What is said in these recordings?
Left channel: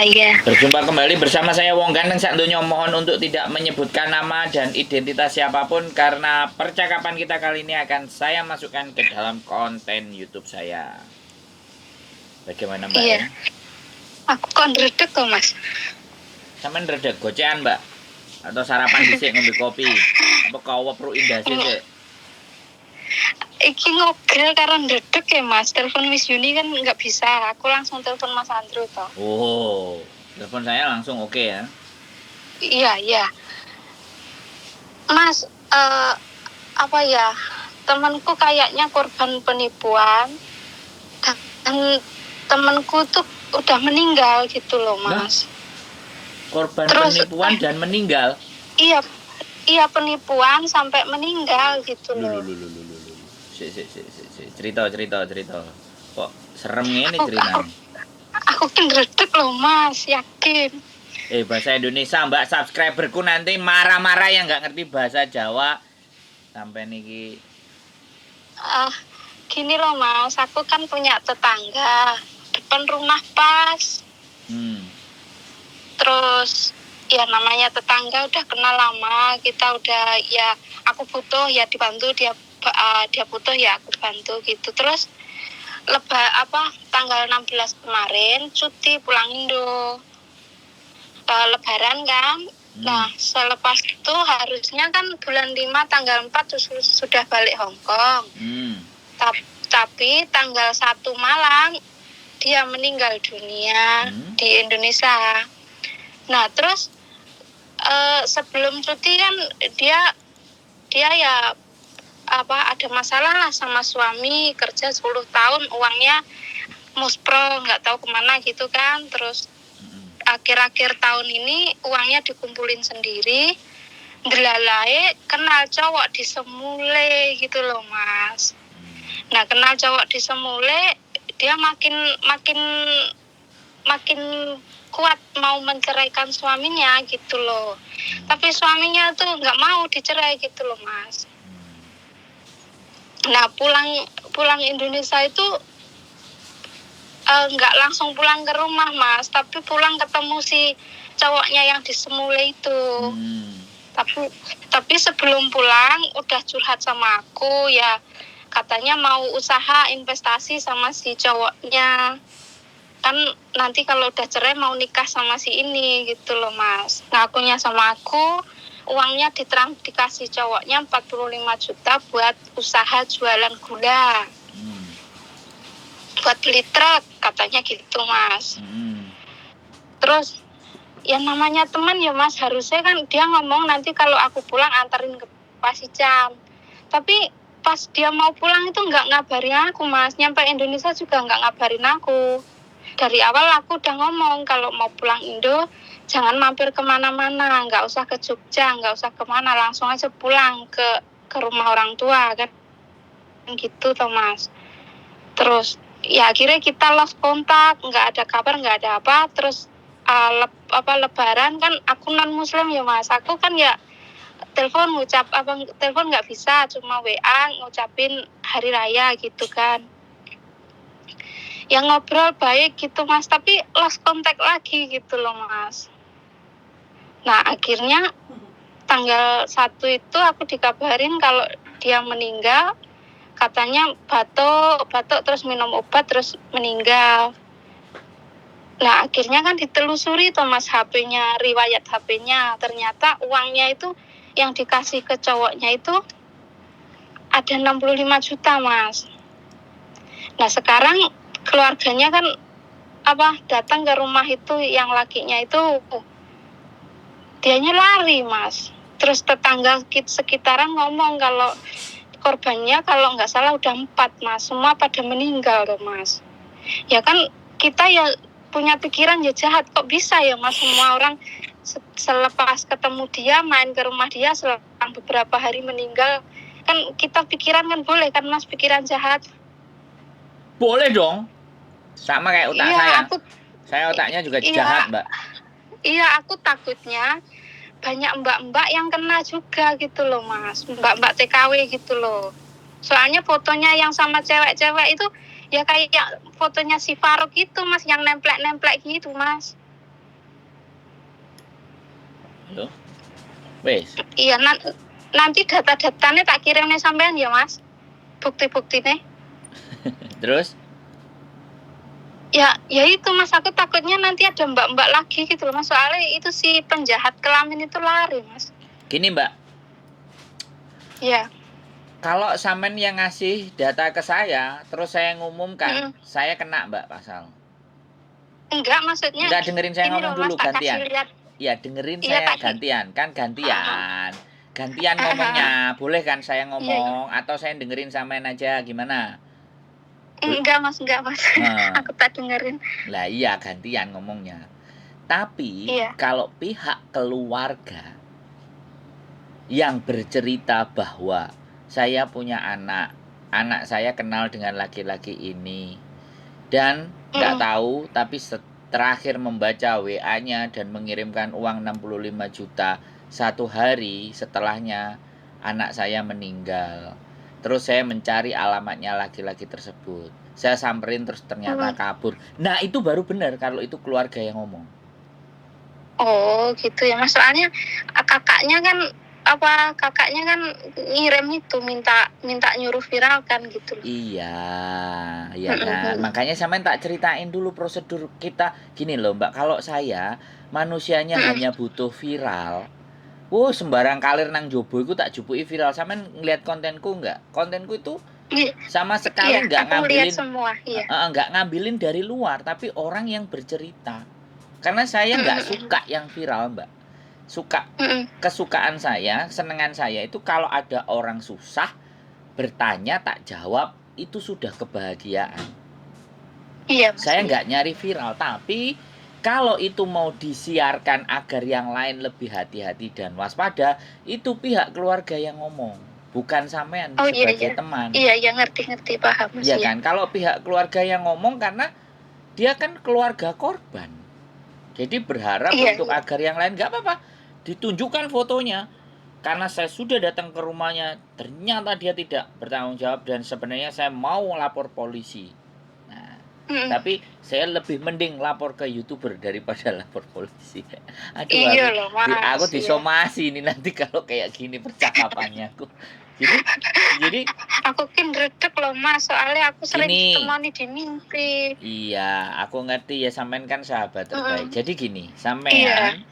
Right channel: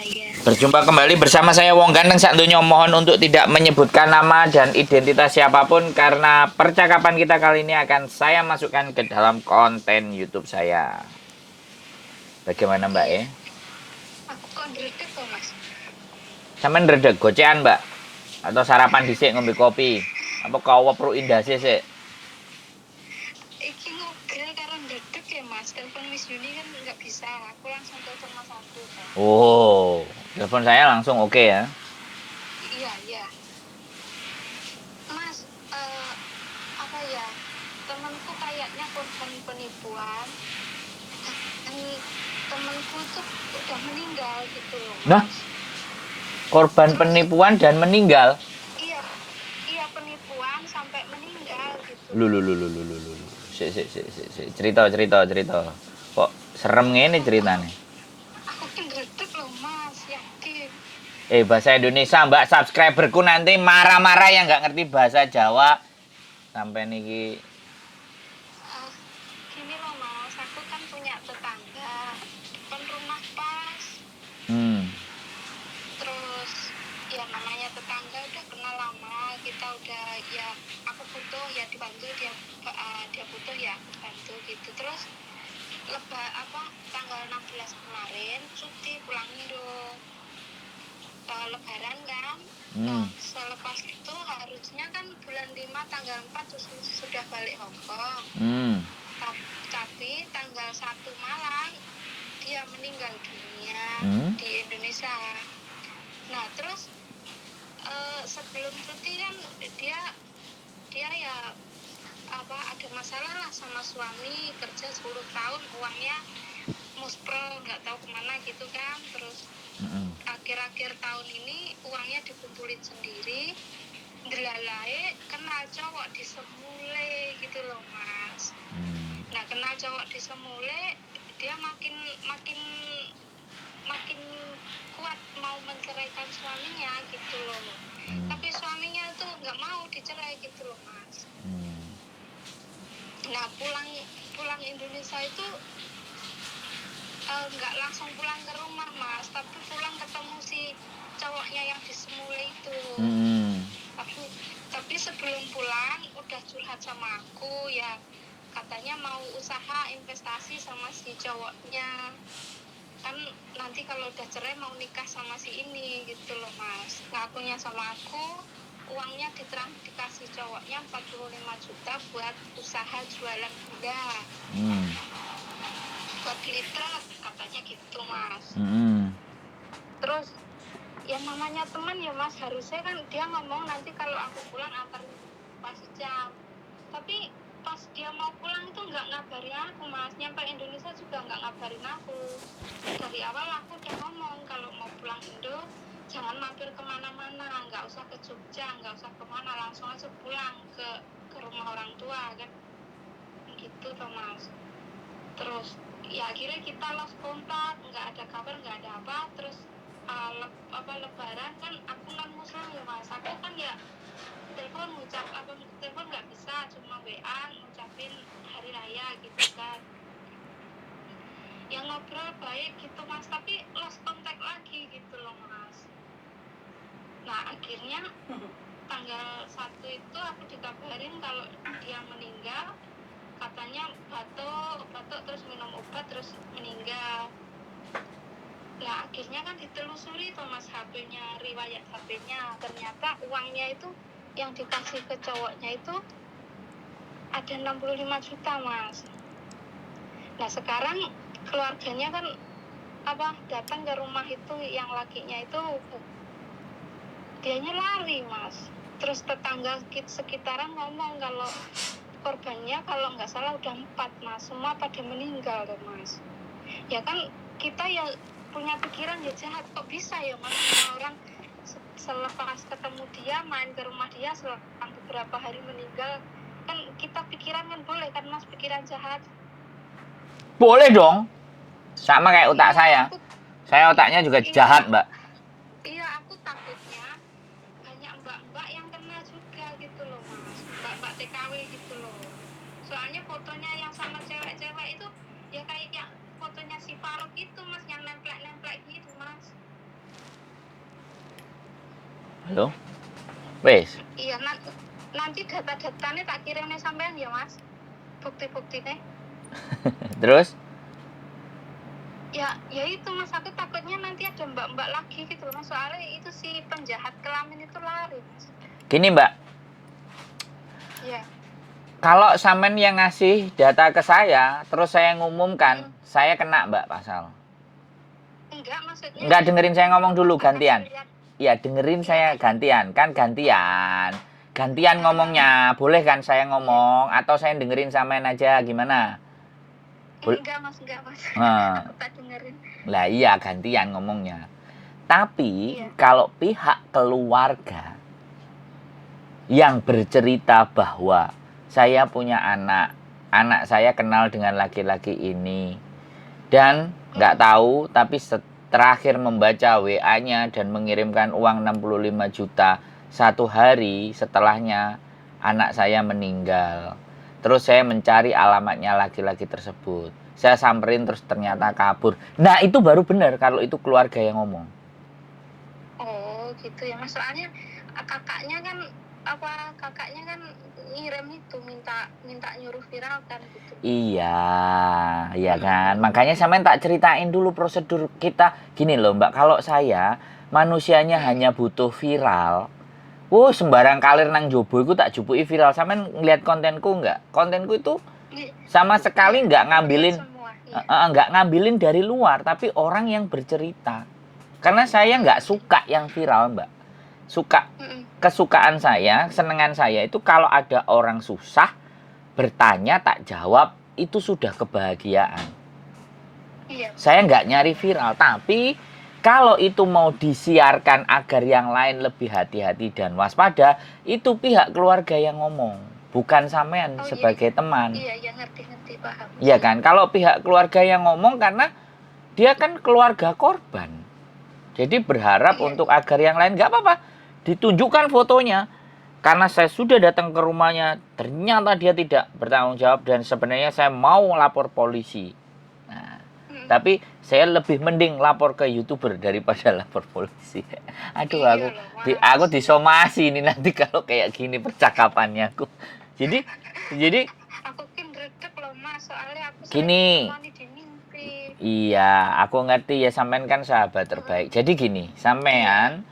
iya. Berjumpa kembali bersama saya Wong Ganteng Sakdonya. Mohon untuk tidak menyebutkan nama dan identitas siapapun karena percakapan kita kali ini akan saya masukkan ke dalam konten YouTube saya. Bagaimana Mbak Iya. ya? Aku kok ndredeg kok, Mas. Sampeyan redeg gocean Mbak? Atau sarapan dhisik ngombe kopi? Apa kawa perlu indah sih? Iki ngobrol karo ndredeg ya, Mas. Telepon Miss Yuni kan nggak bisa. Aku langsung telepon Mas Andrew toh. Oh, telepon saya langsung oke ya. Iya. Mas, apa ya? Temanku kayaknya korban penipuan dan temanku tuh udah meninggal gitu loh, Mas. Korban Terus, penipuan dan meninggal. Iya penipuan sampai meninggal gitu Lu. loh. Cerita. Kok serem ngene ceritanya? Aku kan ndredeg loh, Mas, yakin. Bahasa Indonesia Mbak, subscriberku nanti marah-marah yang nggak ngerti bahasa Jawa. Sampai niki. Gini loh, Mas, aku kan punya tetangga depan rumah pas. Terus ya namanya tetangga udah kenal lama, kita udah ya aku butuh ya dibantu, dia butuh ya aku bantu gitu. Terus tanggal 16 kemarin cuti pulang Indo, lebaran kan. Nah selepas itu harusnya kan bulan 5 tanggal 4 sudah balik Hong Kong. Tapi tanggal 1 malam dia meninggal dunia di Indonesia. Nah terus sebelum cuti kan dia ya ada masalah lah sama suami, kerja 10 tahun uangnya muspro nggak tahu kemana gitu kan. Terus akhir-akhir tahun ini uangnya dikumpulin sendiri, ndelalae kenal cowok di Semule gitu loh, Mas. Nah kenal cowok di Semule, dia makin kuat mau menceraikan suaminya gitu loh. Tapi suaminya tuh nggak mau dicerai gitu loh, Mas. Nah pulang Indonesia itu nggak langsung pulang ke rumah, Mas, tapi pulang ketemu si cowoknya yang di Semule itu. Tapi sebelum pulang udah curhat sama aku ya, katanya mau usaha investasi sama si cowoknya. Kan nanti kalau udah cerai mau nikah sama si ini gitu loh, Mas. Ngakunya sama aku, uangnya dikasih cowoknya 45 juta buat usaha jualan gula. Buat beli truk, katanya gitu, Mas. Terus, ya namanya teman ya, Mas, harusnya kan dia ngomong nanti kalau aku pulang anterin ke Pasijam. Tapi pas dia mau pulang itu nggak ngabarin aku, Mas. Nyampe Indonesia juga nggak ngabarin aku. Dari awal aku udah ngomong kalau mau pulang Indo jangan mampir kemana-mana, nggak usah ke Jogja, nggak usah kemana, langsung aja pulang ke rumah orang tua kan gitu toh, Mas. Terus ya akhirnya kita lost kontak, nggak ada kabar, nggak ada apa. Terus lebaran kan aku non muslim ya, Mas, aku kan ya telepon nggak bisa, cuma WA ngucapin hari raya gitu kan. Yang ngobrol baik gitu, Mas, tapi lost contact lagi gitu loh, Mas. Nah akhirnya tanggal 1 itu aku dikabarin kalau dia meninggal, katanya batuk terus minum obat terus meninggal. Nah akhirnya kan ditelusuri tuh, Mas, HP-nya, riwayat HP-nya, ternyata uangnya itu yang dikasih ke cowoknya itu ada 65 juta, Mas. Nah sekarang keluarganya kan datang ke rumah itu, yang lakinya itu dianya lari, Mas. Terus tetangga sekitaran ngomong kalau korbannya kalau nggak salah udah 4, Mas, semua pada meninggal tuh, Mas. Ya kan kita ya punya pikiran ya jahat, kok bisa ya, Mas, semua orang selepas ketemu dia main ke rumah dia selang beberapa hari meninggal. Kan kita pikiran kan boleh kan, Mas, pikiran jahat. Boleh dong. Sama kayak otak saya. Saya otaknya juga jahat, Mbak. Iya, aku takutnya banyak mbak-mbak yang kena juga gitu loh, Mas. Mbak-mbak TKW gitu loh. Soalnya fotonya yang sama cewek-cewek itu ya kayak fotonya si Faruk itu, Mas, yang nemplek-nemplek gitu, Mas. Halo? Wes. Iya, nanti data-datanya tak kirimnya sampean ya Mas. Bukti-buktinya. Terus? Ya itu Mas, aku takutnya nanti ada mbak-mbak lagi gitu loh Mas. Soalnya itu si penjahat kelamin itu lari Mas. Gini Mbak, Iya. kalau sampean yang ngasih data ke saya, terus saya ngumumkan, saya kena Mbak pasal. Enggak, maksudnya Enggak, dengerin saya ini ngomong loh, dulu, Mas, tak gantian. kasih lihat. Iya, dengerin Iya, saya tak gantian. Kan gantian. Gantian ngomongnya. Boleh kan saya ngomong? Atau saya dengerin sampean aja, gimana? Enggak Mas. Nah, Aku tak dengerin. lah iya, gantian ngomongnya. Tapi, Iya. kalau pihak keluarga yang bercerita bahwa saya punya anak saya kenal dengan laki-laki ini, dan nggak tahu, tapi terakhir membaca WA-nya dan mengirimkan uang 65 juta satu hari setelahnya anak saya meninggal. Terus saya mencari alamatnya laki-laki tersebut. Saya samperin terus ternyata kabur. Nah itu baru benar kalau itu keluarga yang ngomong. Oh gitu ya Mas. Soalnya kakaknya kan ngirim itu minta nyuruh viral kan gitu. Iya kan. Makanya sampean tak ceritain dulu prosedur kita. Gini loh Mbak, kalau saya manusianya hanya butuh viral. Sembarang kalir nang jobo iku tak jupuki viral. Sampean ngeliat kontenku enggak? Kontenku itu sama sekali enggak ngambilin enggak ngambilin dari luar, tapi orang yang bercerita. Karena saya enggak suka yang viral, Mbak. Kesukaan saya, kesenangan saya itu kalau ada orang susah bertanya tak jawab, itu sudah kebahagiaan. Iya. Saya nggak nyari viral, tapi kalau itu mau disiarkan agar yang lain lebih hati-hati dan waspada, itu pihak keluarga yang ngomong, bukan sampean sebagai teman. Iya, ngerti, paham. Iya kan? Kalau pihak keluarga yang ngomong karena dia kan keluarga korban. Jadi berharap untuk agar yang lain nggak apa-apa. Ditunjukkan fotonya. Karena saya sudah datang ke rumahnya, ternyata dia tidak bertanggung jawab dan sebenarnya saya mau lapor polisi. Tapi saya lebih mending lapor ke YouTuber daripada lapor polisi. Aduh, aku disomasi ini nanti kalau kayak gini percakapannya aku. Jadi aku redek loh Mas, soalnya aku sering ditemani di mimpi. Iya, aku ngerti ya, sampean kan sahabat terbaik. Jadi gini, sampean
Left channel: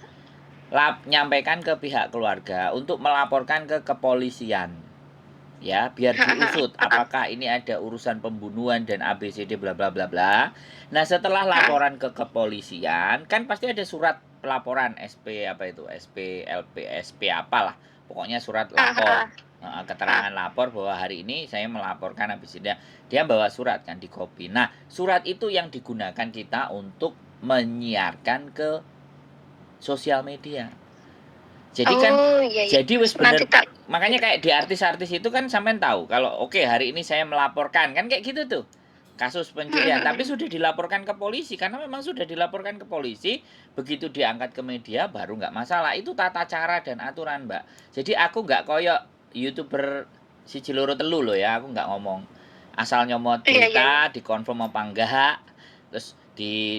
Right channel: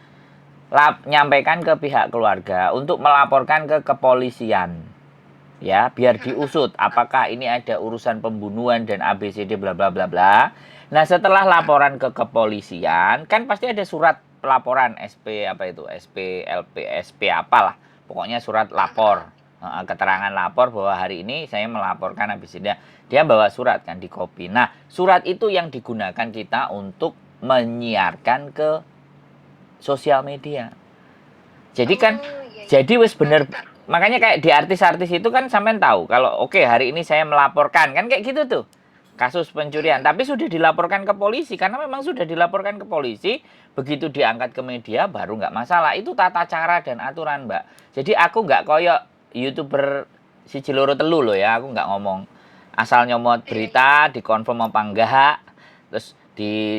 nyampaikan ke pihak keluarga untuk melaporkan ke kepolisian. Ya, biar diusut apakah ini ada urusan pembunuhan dan ABCD bla bla bla bla. Nah, setelah laporan ke kepolisian, kan pasti ada surat pelaporan SP apa itu? SP, LP, SP apalah. Pokoknya surat lapor. Keterangan lapor bahwa hari ini saya melaporkan ABCD. Dia bawa surat kan, di copy. Nah, surat itu yang digunakan kita untuk menyiarkan ke sosial media. Jadi kan jadi wis bener. Makanya kayak di artis-artis itu kan sampean tahu kalau oke, hari ini saya melaporkan kan kayak gitu tuh. Kasus pencurian, tapi sudah dilaporkan ke polisi karena memang sudah dilaporkan ke polisi, begitu diangkat ke media baru nggak masalah. Itu tata cara dan aturan, Mbak. Jadi aku nggak koyok YouTuber si Ciloro Telu loh ya, aku nggak ngomong asal nyomot berita, dikonfirm apa enggak, terus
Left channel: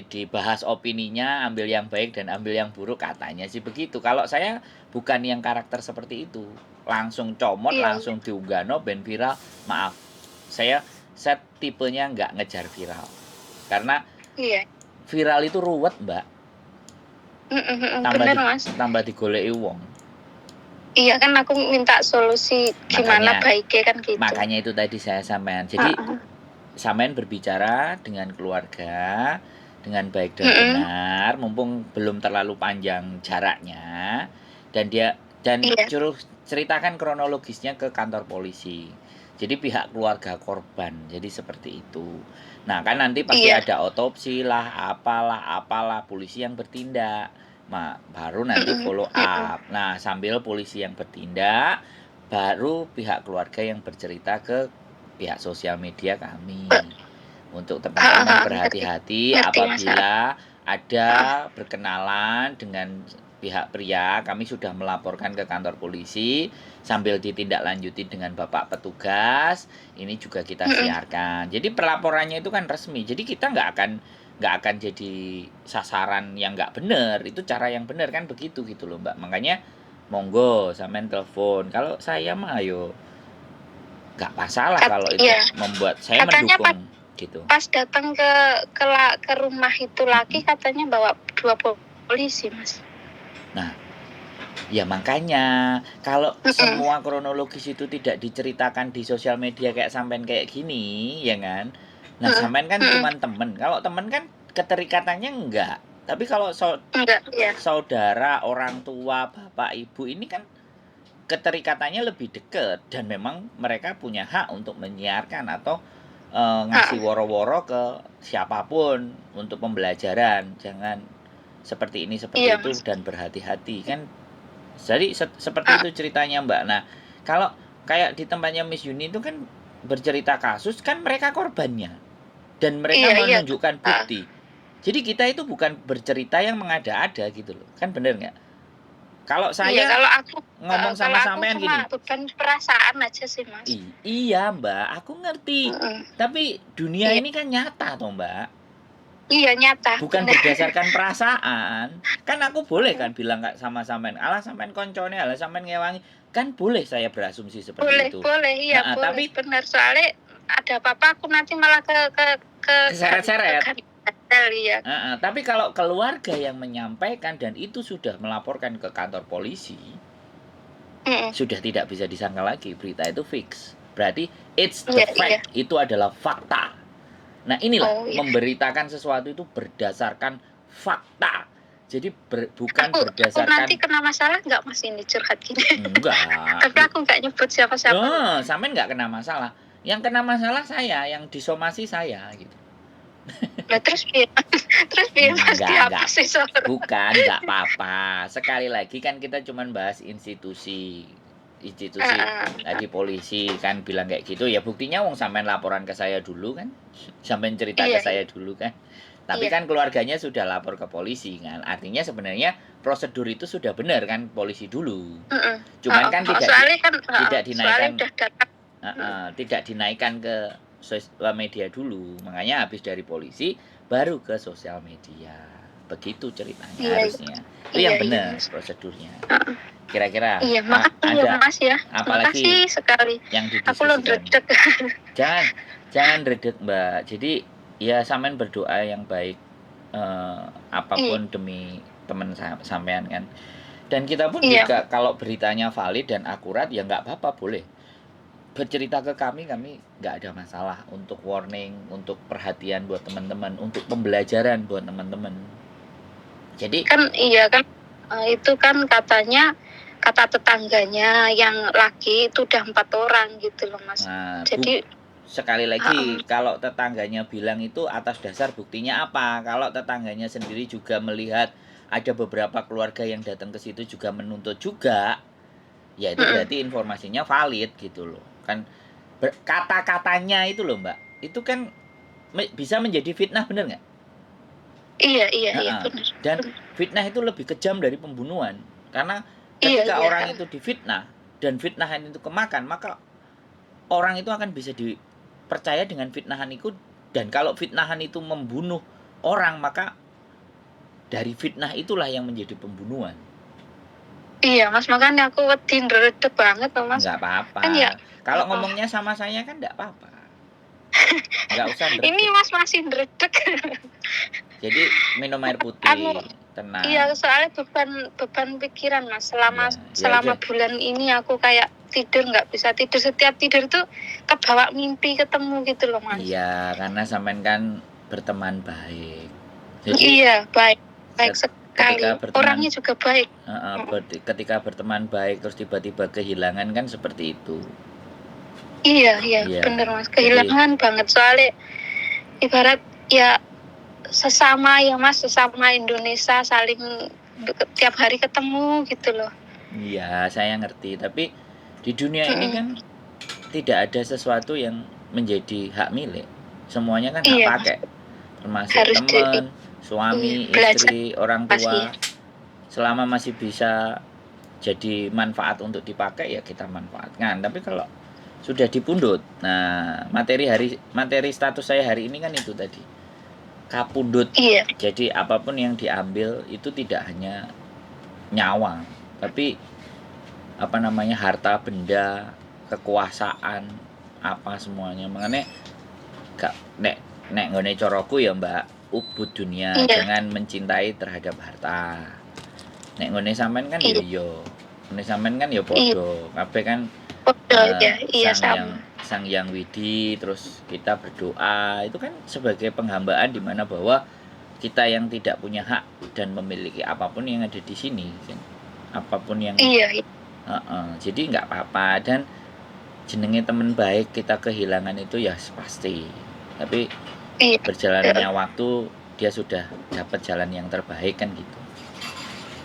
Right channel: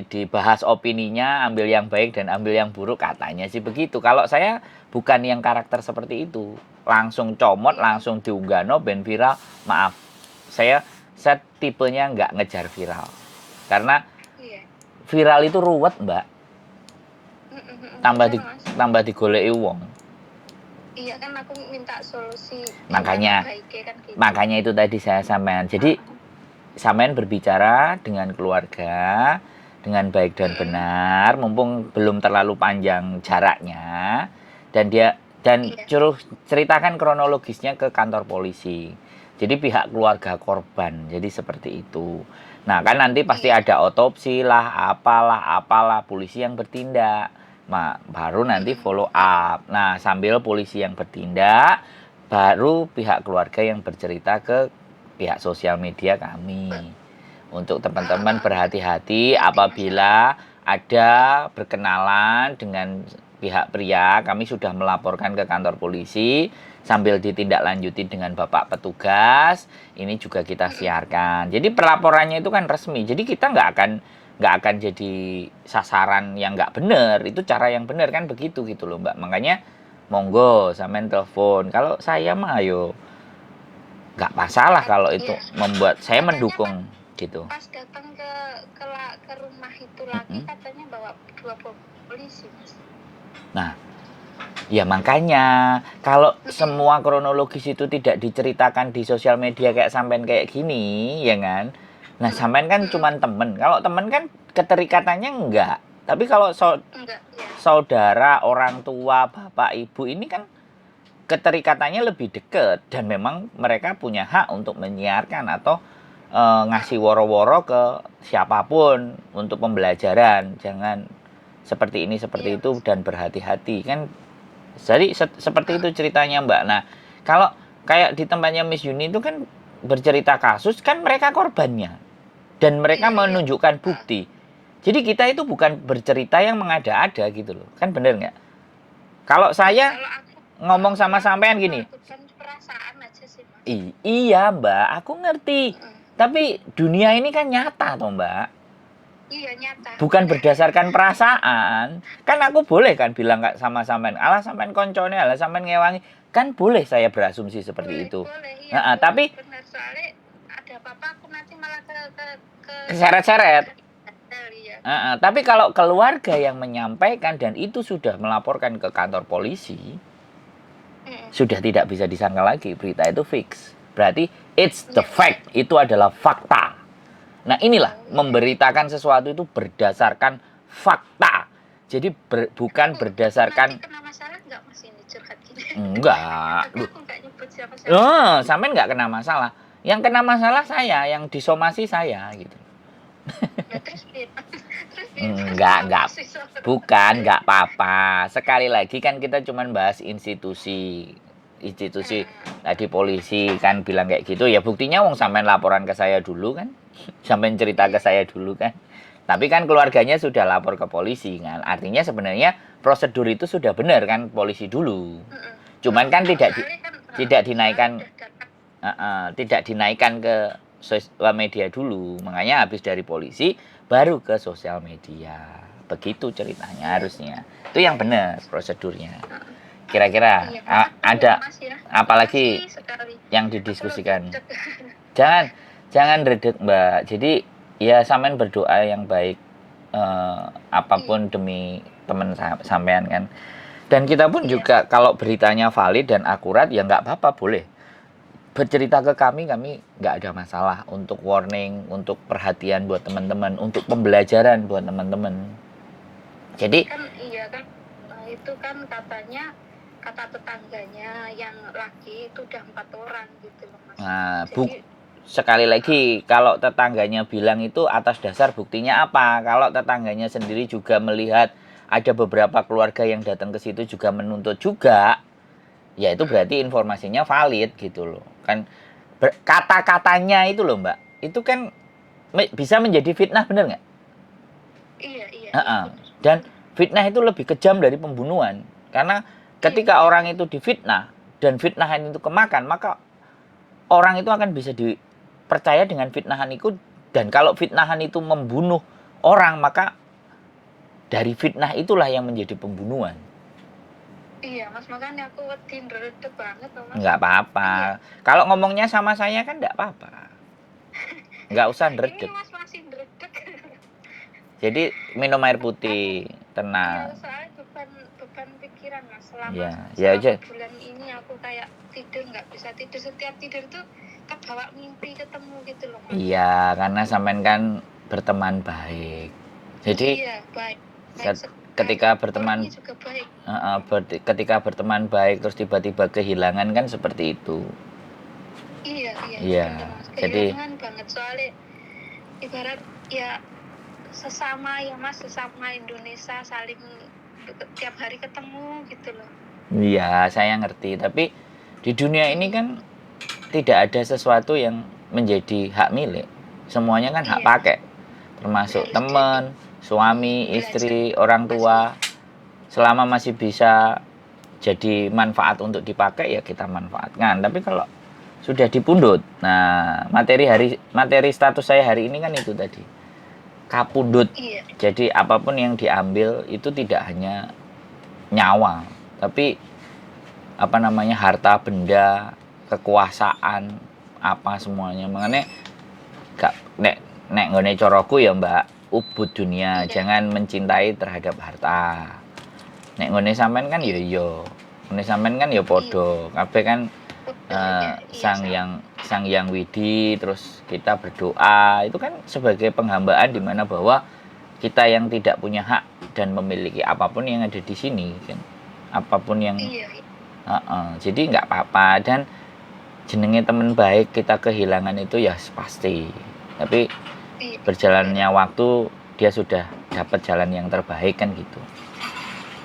dibahas opininya, ambil yang baik dan ambil yang buruk, katanya sih begitu. Kalau saya bukan yang karakter seperti itu, langsung comot, langsung diunggah ben viral. Maaf, saya tipenya nggak ngejar viral karena viral itu ruwet Mbak. Tambah digoleki wong. Iya kan, aku minta solusi gimana baiknya kan gitu. Makanya itu tadi saya sampean. Jadi sampean berbicara dengan keluarga dengan baik dan benar, mumpung belum terlalu panjang jaraknya, dan ceritakan kronologisnya ke kantor polisi. Jadi pihak keluarga korban, jadi seperti itu. Nah kan nanti pasti ada otopsi lah, apalah, polisi yang bertindak. Nah, baru nanti follow up. Nah sambil polisi yang bertindak, baru pihak keluarga yang bercerita ke pihak sosial media kami. Untuk teman-teman berhati-hati apabila ada berkenalan dengan pihak pria, kami sudah melaporkan ke kantor polisi sambil ditindaklanjuti dengan Bapak petugas. Ini juga kita siarkan. Jadi pelaporannya itu kan resmi. Jadi kita nggak akan nggak akan jadi sasaran yang nggak benar. Itu cara yang benar kan begitu gitu loh Mbak. Makanya monggo sampean telepon. Kalau saya mah ayo nggak masalah kalau itu Iya. membuat saya Katanya mendukung gitu. pas datang ke rumah itu lagi katanya bawa 2 polisi, Mas. Nah, ya makanya kalau semua kronologis itu tidak diceritakan di sosial media kayak sampean kayak gini, ya kan? Nah, sampean kan cuman temen. Kalau temen kan keterikatannya enggak. Tapi kalau Enggak, ya. saudara, orang tua, bapak, ibu ini kan keterikatannya lebih dekat dan memang mereka punya hak untuk menyiarkan atau ngasih woro-woro ke siapapun untuk pembelajaran. Jangan seperti ini seperti Iya, itu Mas. dan berhati-hati kan. Jadi seperti itu ceritanya Mbak. Nah, kalau kayak di tempatnya Miss Yuni itu kan bercerita kasus kan mereka korbannya dan mereka Iya, iya. menunjukkan bukti. Jadi kita itu bukan bercerita yang mengada-ada gitu loh. Kan bener nggak? Kalau Iya, saya kalau aku ngomong kalau sama aku sampean cuma gini, beban perasaan aja sih, Mas. iya Mbak, aku ngerti. Tapi dunia Iya. ini kan nyata toh Mbak. Iya, nyata. Bukan Benar. berdasarkan perasaan. Kan aku boleh kan bilang nggak sama sampean, alah sampean koncone, alah sampean ngewangi. Kan boleh saya berasumsi seperti Boleh, itu. boleh. Iya, Nah, boleh. tapi Benar, soalnya ada apa-apa aku nanti malah ke keseret-seret. ya. Tapi kalau keluarga yang menyampaikan dan itu sudah melaporkan ke kantor polisi, sudah tidak bisa disangkal lagi. Berita itu fix. Berarti it's the Iya, fact. Itu adalah fakta. Nah inilah iya. memberitakan sesuatu itu berdasarkan fakta. Jadi bukan Aku nanti berdasarkan kena masalah nggak, Mas, ini curhat gini? enggak. Tapi aku nggak nyebut siapa-siapa. Oh, sampean nggak kena masalah. Yang kena masalah saya, yang disomasi saya gitu. Nah, terus biar Mas Enggak. dihapus sih soalnya. Bukan, enggak apa-apa. Sekali lagi kan kita cuman bahas institusi. Tadi polisi kan bilang kayak gitu, ya buktinya wong sampean laporan ke saya dulu kan. Sampean cerita ke Iya, saya dulu kan. Tapi iya. kan keluarganya sudah lapor ke polisi kan. Artinya sebenarnya prosedur itu sudah benar kan polisi dulu. Cuman kan tidak dinaikkan tidak dinaikkan ke sosial media dulu. Makanya habis dari polisi baru ke sosial media. Begitu ceritanya harusnya. Itu yang benar prosedurnya. Kira-kira ada Mas ya. apalagi sekali. yang didiskusikan? Jangan redek Mbak. Jadi ya sampean berdoa yang baik apapun demi teman sampean kan. Dan kita pun juga kalau beritanya valid dan akurat ya nggak apa-apa boleh bercerita ke kami nggak ada masalah untuk warning, untuk perhatian buat teman-teman, untuk pembelajaran buat teman-teman. Jadi kan itu kan katanya kata tetangganya yang laki itu udah 4 orang gitu loh, Mas. Nah, Jadi sekali lagi kalau tetangganya bilang itu atas dasar buktinya apa? Kalau tetangganya sendiri juga melihat ada beberapa keluarga yang datang ke situ juga menuntut juga, ya itu berarti informasinya valid gitu loh. Kan kata-katanya itu loh Mbak, itu kan bisa menjadi fitnah, bener nggak? Iya benar. Dan fitnah itu lebih kejam dari pembunuhan. Karena ketika orang itu difitnah dan fitnahan itu kemakan, maka orang itu akan bisa dipercaya dengan fitnahan itu. Dan kalau fitnahan itu membunuh orang, maka dari fitnah itulah yang menjadi pembunuhan. Iya, Mas, makanya aku wedi ndredeg banget loh, Mas. Nggak apa-apa. Kan ya, kalau ngomongnya sama saya kan nggak apa-apa. Nggak usah ndredeg. Ini Mas masih ndredeg. Jadi minum air putih, tenang. Iya, soalnya beban pikiran, Mas. Selama bulan ini aku kayak tidur nggak bisa tidur. Setiap tidur tuh kebawa mimpi ketemu gitu loh, Mas. Iya, karena sampean kan berteman baik. Jadi iya, baik sekali. Ketika berteman, orangnya juga baik. Ketika berteman baik terus tiba-tiba kehilangan kan seperti itu. Iya, bener Mas. Kehilangan banget soalnya ibarat ya sesama Indonesia saling tiap hari ketemu gitu loh. Iya, saya ngerti. Tapi di dunia ini kan tidak ada sesuatu yang menjadi hak milik. Semuanya kan hak pakai. Termasuk teman, suami, istri, orang tua. Selama masih bisa jadi manfaat untuk dipakai ya kita manfaatkan. Tapi kalau sudah dipundut, nah materi status saya hari ini kan itu tadi. kapundut. Iya. Jadi apapun yang diambil itu tidak hanya nyawa, tapi apa namanya, harta benda, kekuasaan, apa semuanya. Makanya gak nek nggone coroku ya Mbak, ubud dunia, Iya. jangan mencintai terhadap harta. Nek ngone sampean kan ya Iya. yo. Ngone sampean kan ya Iya. padha. Kabeh kan Betul ya. Iya Sang sama. Yang Widi, terus kita berdoa itu kan sebagai penghambaan di mana bahwa kita yang tidak punya hak dan memiliki apapun yang ada di sini kan, apapun yang Iya. jadi nggak apa-apa. Dan jenenge teman baik kita kehilangan itu ya pasti, tapi Iya. berjalannya waktu dia sudah dapat jalan yang terbaik kan gitu.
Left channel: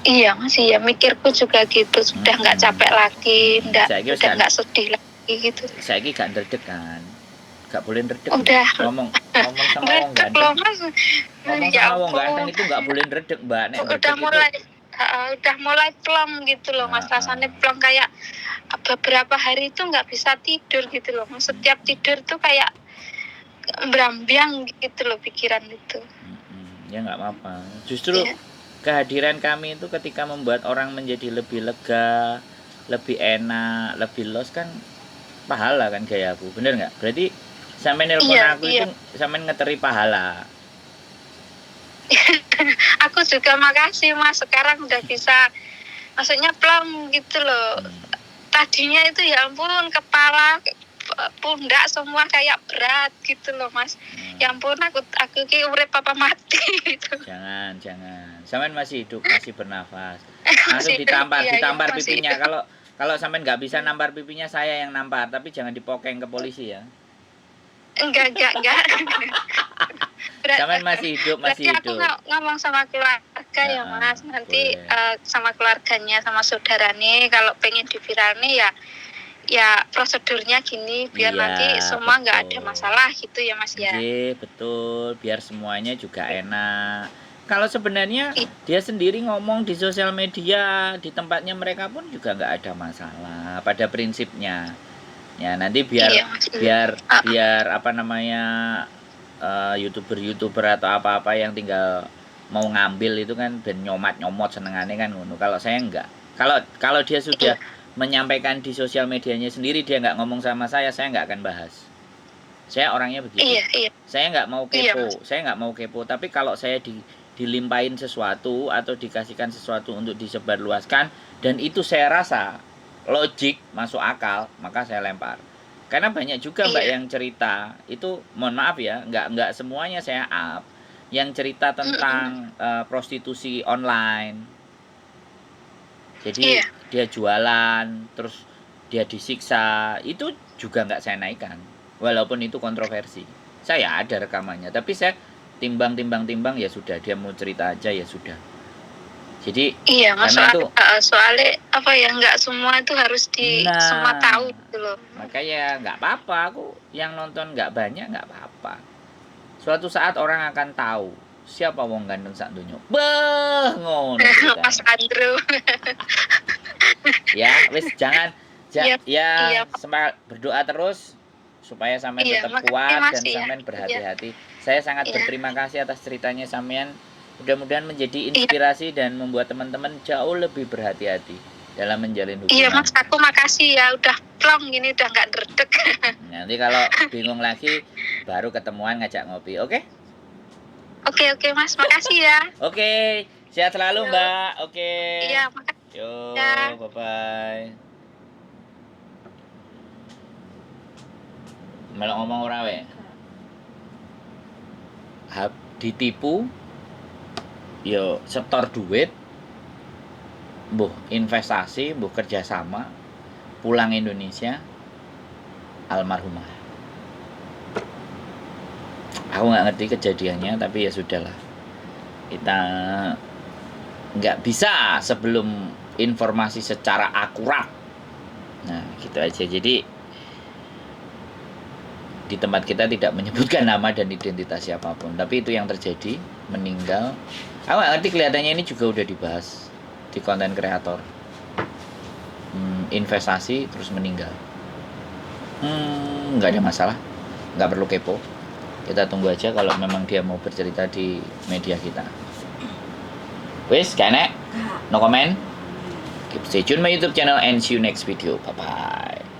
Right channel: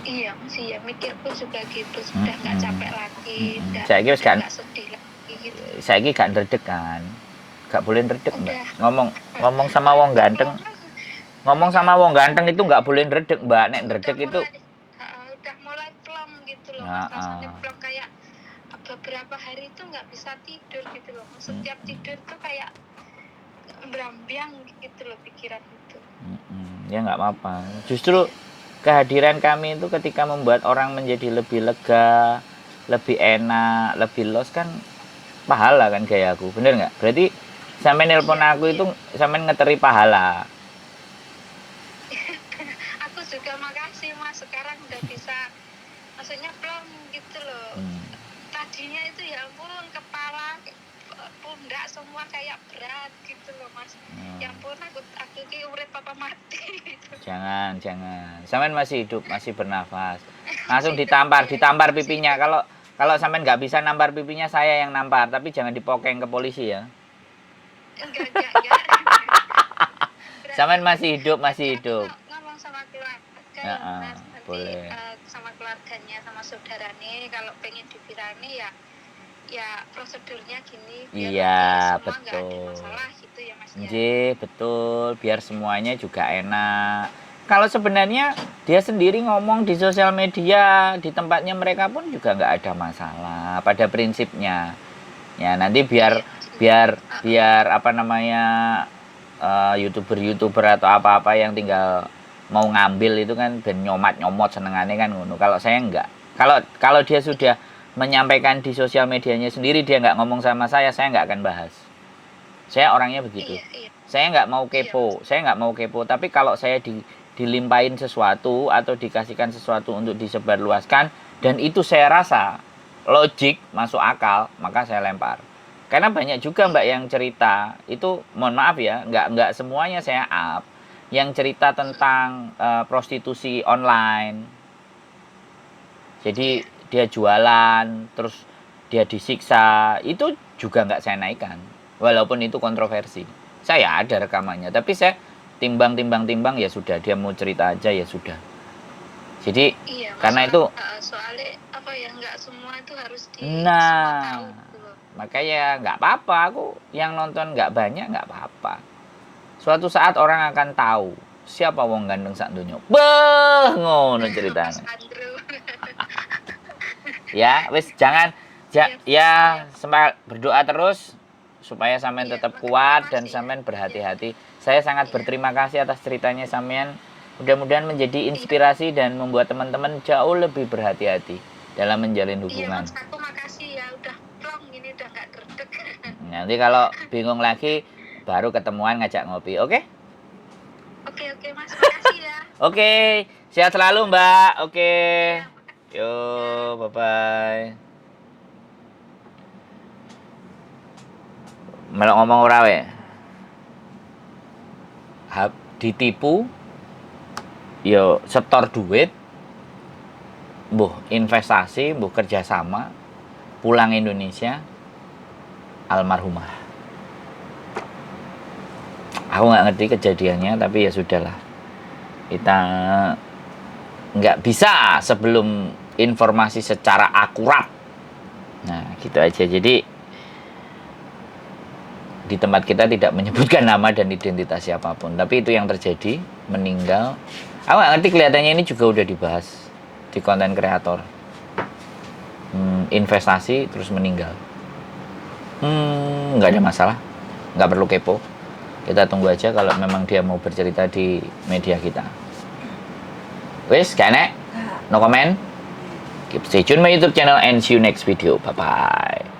Iya Mas, iya mikirku juga gitu, sudah nggak capek lagi, udah nggak sedih lagi gitu. Saya gak ndredeg kan, gak boleh ndredeg. Udah. Ngomong sama wong ganteng, ngomong Ya sama wong ampun. ganteng itu nggak boleh ndredeg Mbak. Nek ndredeg itu udah mulai plong gitu loh Mas, rasanya plong, kayak beberapa hari itu nggak bisa tidur gitu loh Mas. Setiap tidur tuh kayak berambiang gitu loh pikiran itu. Ya nggak apa-apa, justru kehadiran kami itu ketika membuat orang menjadi lebih lega, lebih enak, lebih los kan pahala kan gaya aku, bener nggak? Berarti sampe nelpon aku itu sampe ngeteri pahala. Aku juga makasih Mas, sekarang udah bisa, maksudnya plong gitu loh. Tadinya itu ya ampun, kepala, pundak semua kayak berat gitu loh Mas. Ya ampun, aku ki urip apa mati gitu. Jangan. Sampean masih hidup, masih bernafas. Langsung ditampar pipinya. Kalau sampean nggak bisa nampar pipinya, saya yang nampar, tapi jangan dipokeng ke polisi ya. Enggak. Sampean masih hidup. Aku ngomong sama keluarga ya Mas, nanti sama keluarganya, sama saudaranya, kalau pengen diviralnya ya prosedurnya gini, biar nanti semua nggak ada masalah gitu ya Mas ya. Iya betul, biar semuanya juga enak. Kalau sebenarnya dia sendiri ngomong di sosial media, di tempatnya mereka pun juga nggak ada masalah pada prinsipnya. Ya nanti biar apa namanya, youtuber atau apa yang tinggal mau ngambil itu kan ben nyomot senengannya kan ngono. Kalau saya enggak. Kalau dia sudah menyampaikan di sosial medianya sendiri, dia nggak ngomong sama saya nggak akan bahas. Saya orangnya begitu. Saya nggak mau kepo. Tapi kalau saya dilimpahin sesuatu atau dikasihkan sesuatu untuk disebarluaskan dan itu saya rasa logik, masuk akal, maka saya lempar. Karena banyak juga Mbak yang cerita itu, mohon maaf ya, nggak semuanya saya up, yang cerita tentang prostitusi online. Jadi dia jualan, terus dia disiksa, itu juga nggak saya naikkan, walaupun itu kontroversi. Saya ada rekamannya, tapi saya timbang ya sudah, dia mau cerita aja ya sudah. Jadi karena itu soalnya apa ya, nggak semua itu harus semua tahu gitu loh. Makanya nggak apa-apa, aku yang nonton nggak banyak nggak apa-apa. Suatu saat orang akan tahu siapa wong ganteng sak donya. Beh, ngono ceritanya. Mas Andrew. Ya, wis jangan semangat berdoa terus supaya sampean tetap kuat dan sampean berhati-hati. Saya sangat berterima kasih atas ceritanya sampean. Mudah-mudahan menjadi inspirasi dan membuat teman-teman jauh lebih berhati-hati dalam menjalin hubungan. Iya Mas, aku makasih ya, udah plong gini, udah nggak derdek. Nanti kalau bingung lagi baru ketemuan ngajak ngopi, oke? Oke Mas, makasih ya. Oke, sehat selalu Mbak. Oke. Iya, makasih. Yo, bye-bye. Melok ngomong ora we. Ditipu, yo setor duit, mbuh investasi, mbuh kerjasama, pulang Indonesia, almarhumah. Aku nggak ngerti kejadiannya, tapi ya sudahlah. Kita nggak bisa sebelum informasi secara akurat. Nah, gitu aja. Jadi di tempat kita tidak menyebutkan nama dan identitas siapapun, tapi itu yang terjadi, meninggal. Aku nggak ngerti, kelihatannya ini juga udah dibahas di konten kreator. Investasi terus meninggal. Nggak ada masalah, nggak perlu kepo. Kita tunggu aja kalau memang dia mau bercerita di media kita. Wis, kene? No comment? Keep stay tune my YouTube channel and see you next video. Bye-bye.